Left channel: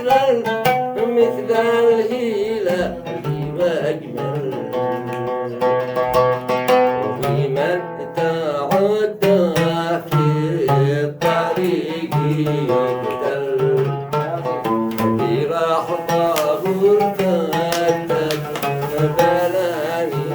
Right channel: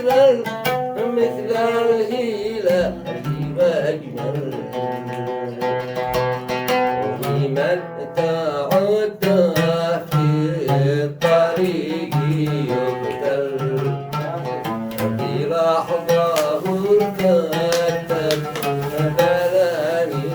مثل الهلال وأجمل وبمن تعدى في الطريق يقتل بلحظة ارتدت بلاني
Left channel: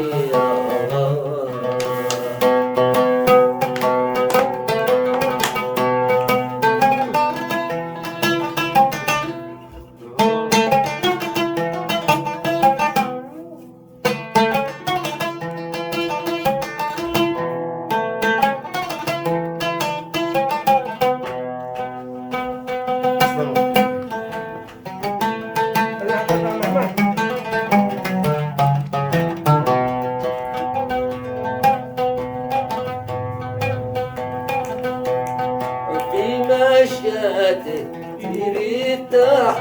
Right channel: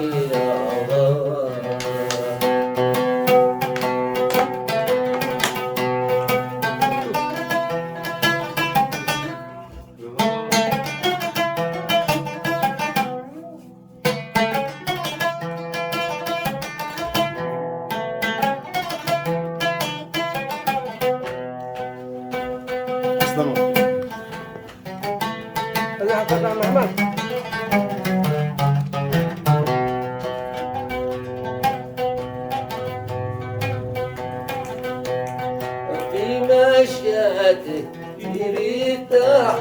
في مشياته تريتح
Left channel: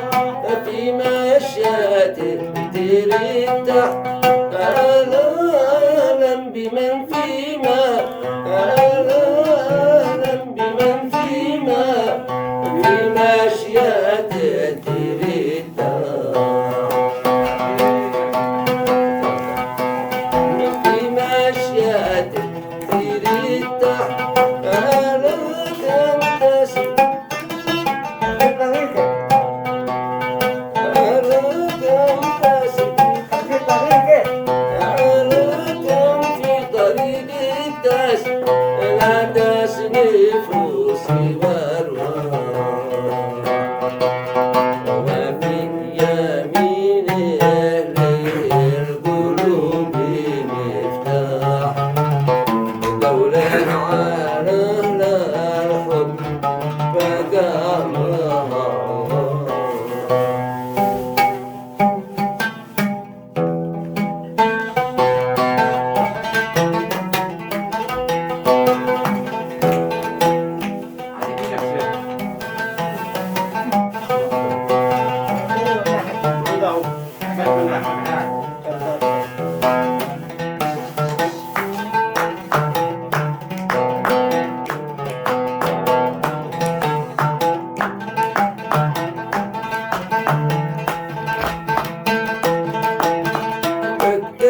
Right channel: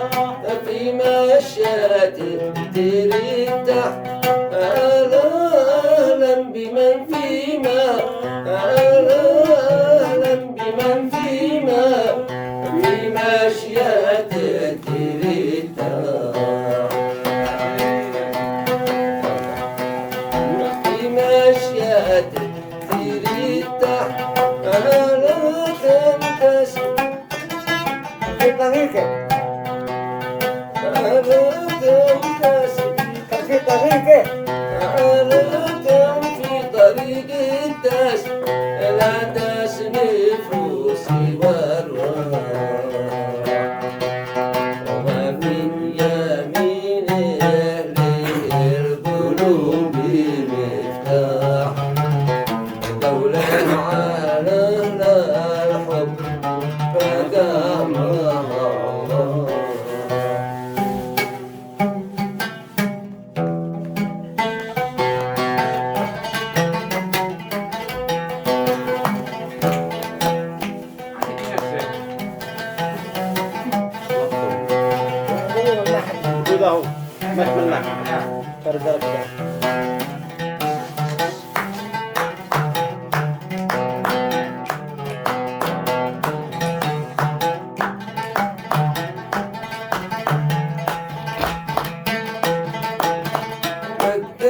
في مشياته تريتح أهلا بمن فيما أهلا بمن فيما في مشياته تريتح في مشياته تريتح أهلا لا تسنف سوى وفي يمينه للقلوب مفتاح دولة على الحب فقامها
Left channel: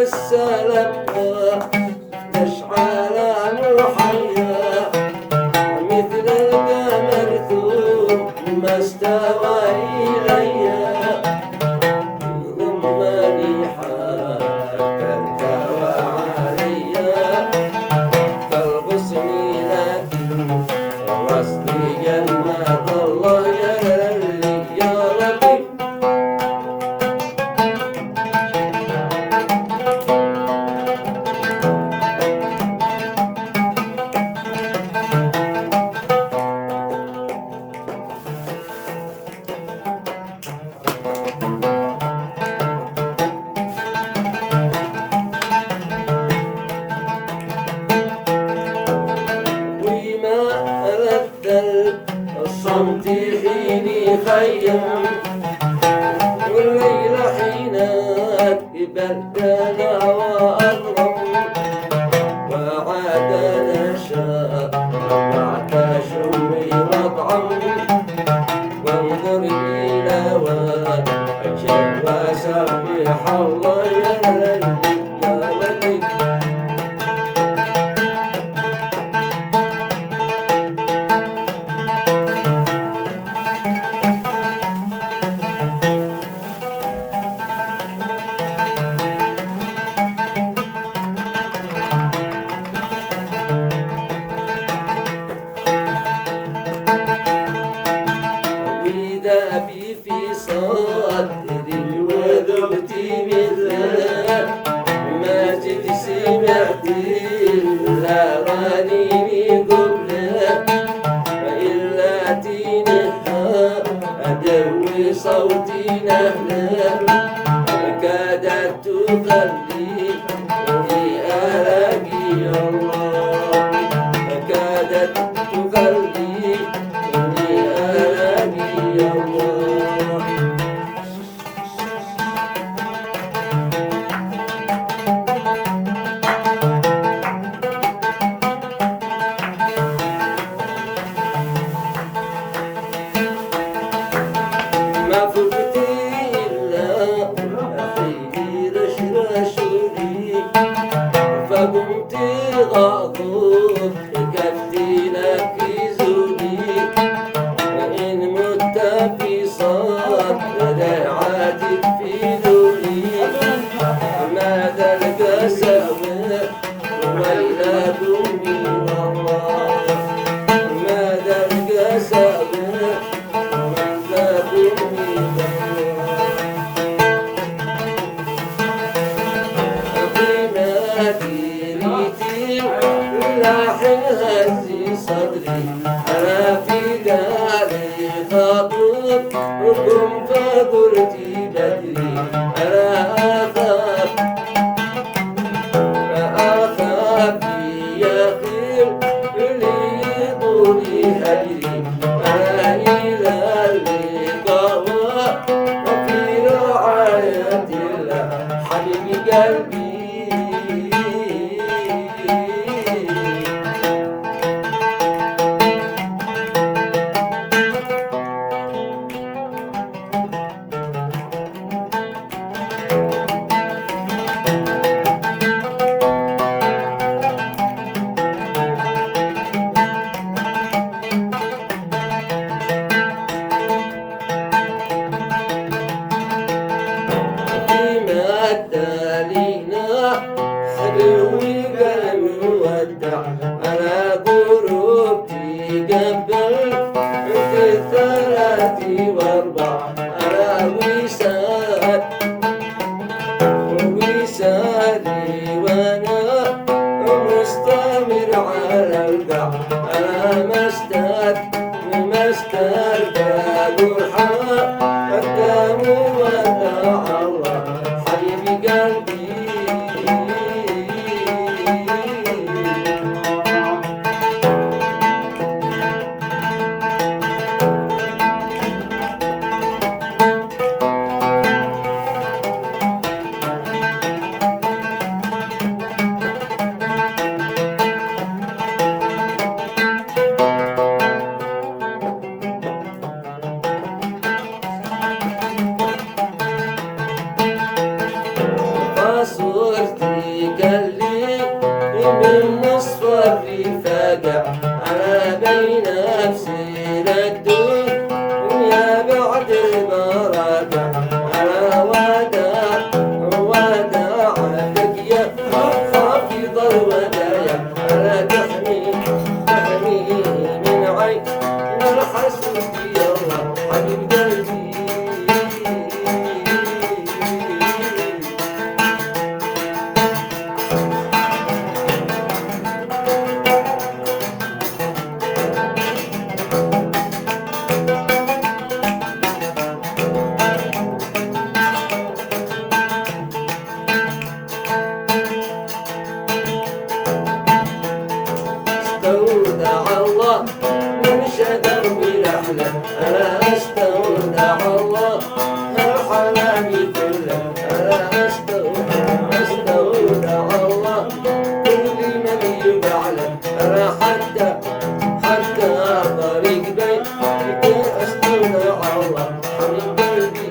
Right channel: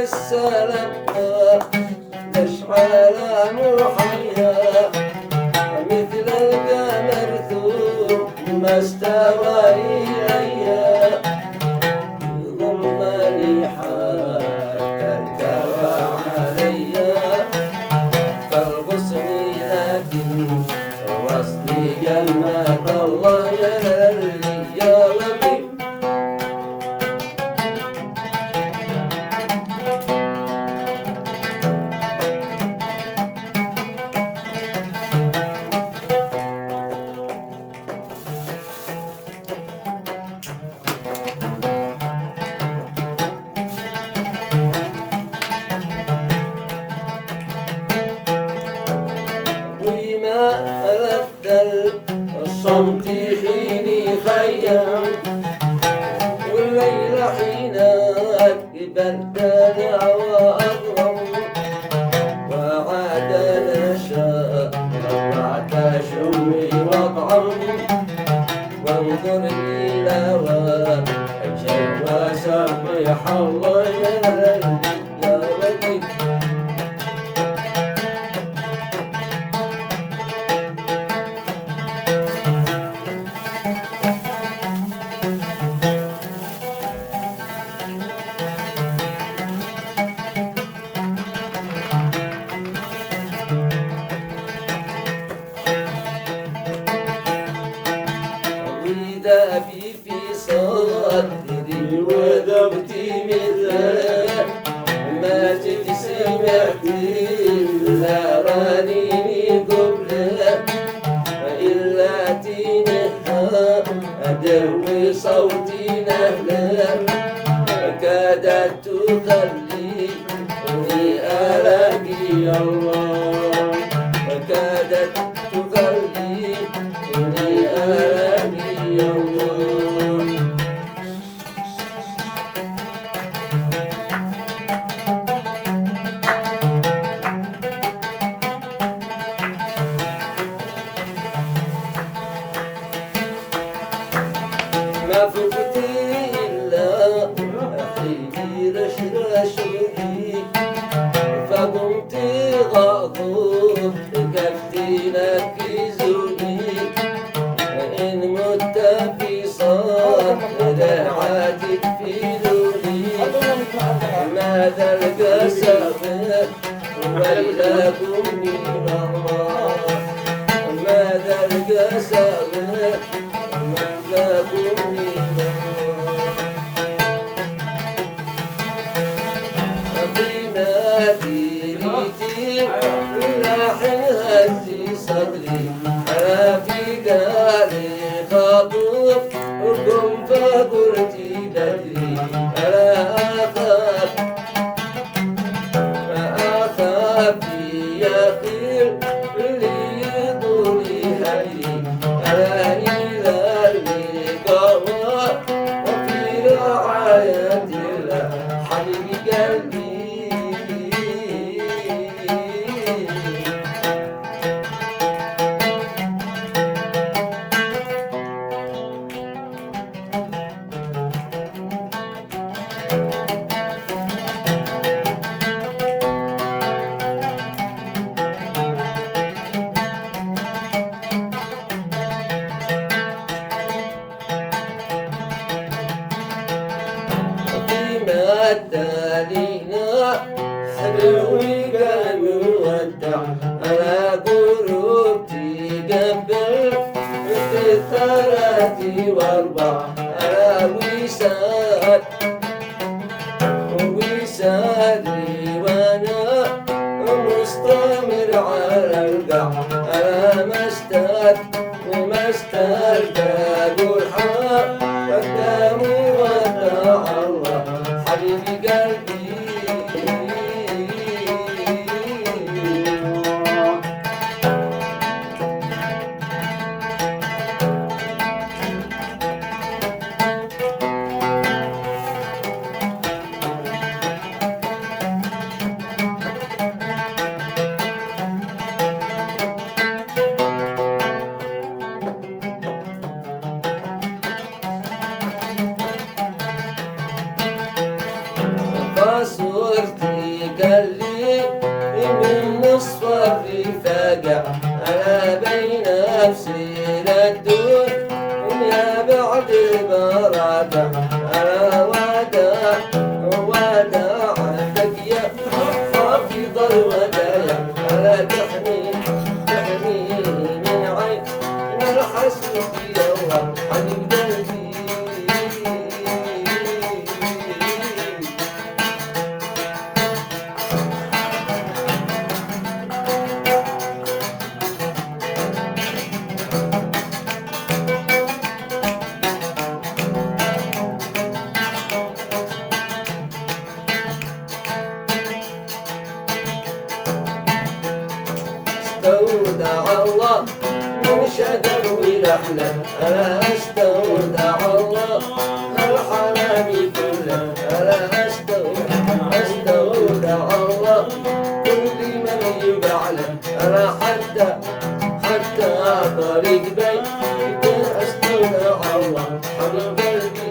السلام تشعل محيا مثل القمر ثم استوى إلي ضمني حتى ارتوى علي كالغصن لكن وصلي جنة الله يا للي يا لطيف ألذ الصمت حين خيم والليل حين أكبرتنا وأظلم وعاد نشاء بعد شمي وطعم وانظر إلى وجهه وسبح الله يا ليل يا ليل ذابي في صدري وذبت مثله ما جيت سمعت إلا رنيني قبله إلا تنهى أدوي صوتي نهله كادت تخليني ألاقي الله كادت تخليني ألاقي الله ما فقت إلا أخي رشرشوني فقمت غاضب كفتي نكزوني إن مت في صدر عاتك في دوني ماذا القسوة ويلكم من الله ماذا القسوة ويلكم من الله قيمتي ريتي لاحن هزي صدري أنا في قالي خاطب حكم فقلتي بدري أنا أخاف يا خير اللي طولي هجري أنا إلى اللقاء وفي رعاية الله حبيبي قلبي الدالينا حلوي قلب ودع أنا قربتي قبل ثلاثي واربع أنا وسادي وانا مستمر على القاع أنا مسترد قرحة قدام ودع الله حبيبي قلبي صورتي قال لي من نصف الرفاقة أنا بين نفسي للدون يا بعد البراقة أنا وداع تقيا حافظ الودايا أنا تحمي من عين الحسود يلا حبيب قلبي استودع الله من شدك ولحلة أنا استودع الله الحلام كله أنا استودع الله كل من يبعله أنا حتى طريق بيتي استودع الله حبيب قلبي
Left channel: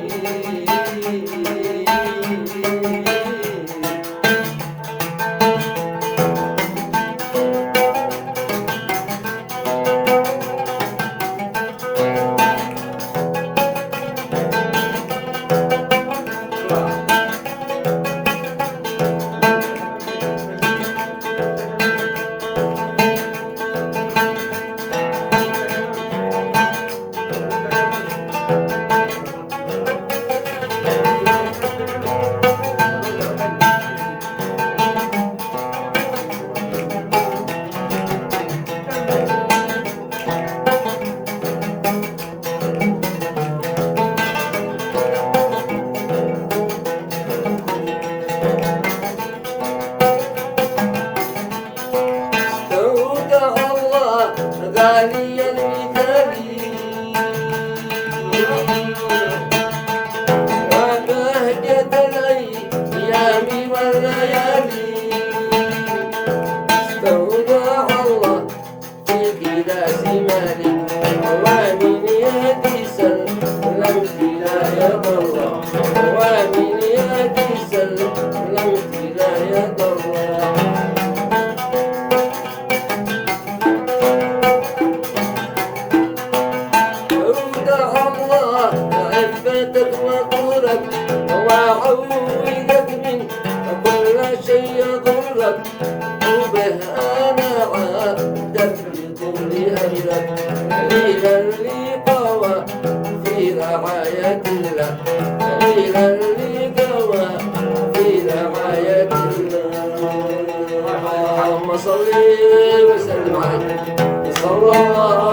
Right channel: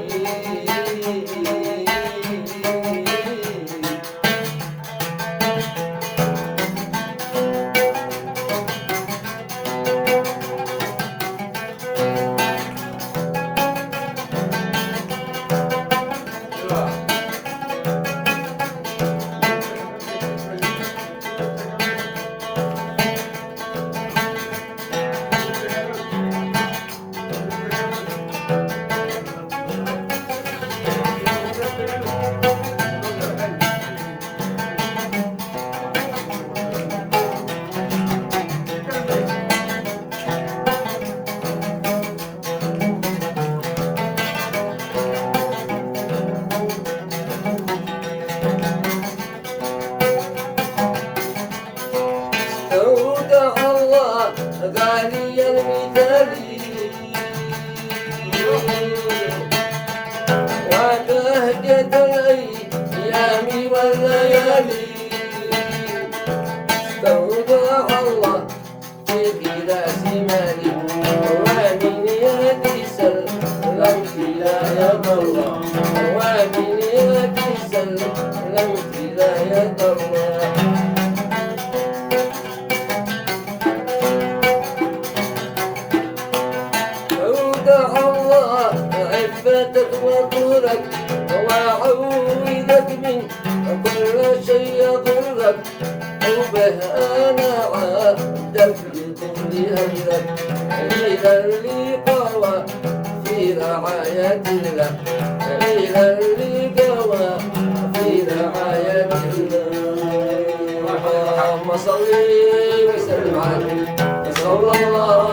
ولاية الله ومن يدي سلمت ولاية الله أودع الله عفتك وطورك وأعوذك من كل شيء يضرك وبه أنا عبدك بكل أجرك إلى اللقاء في رعاية الله إلى اللقاء في رعاية الله اللهم صل وسلم على النبي صلى الله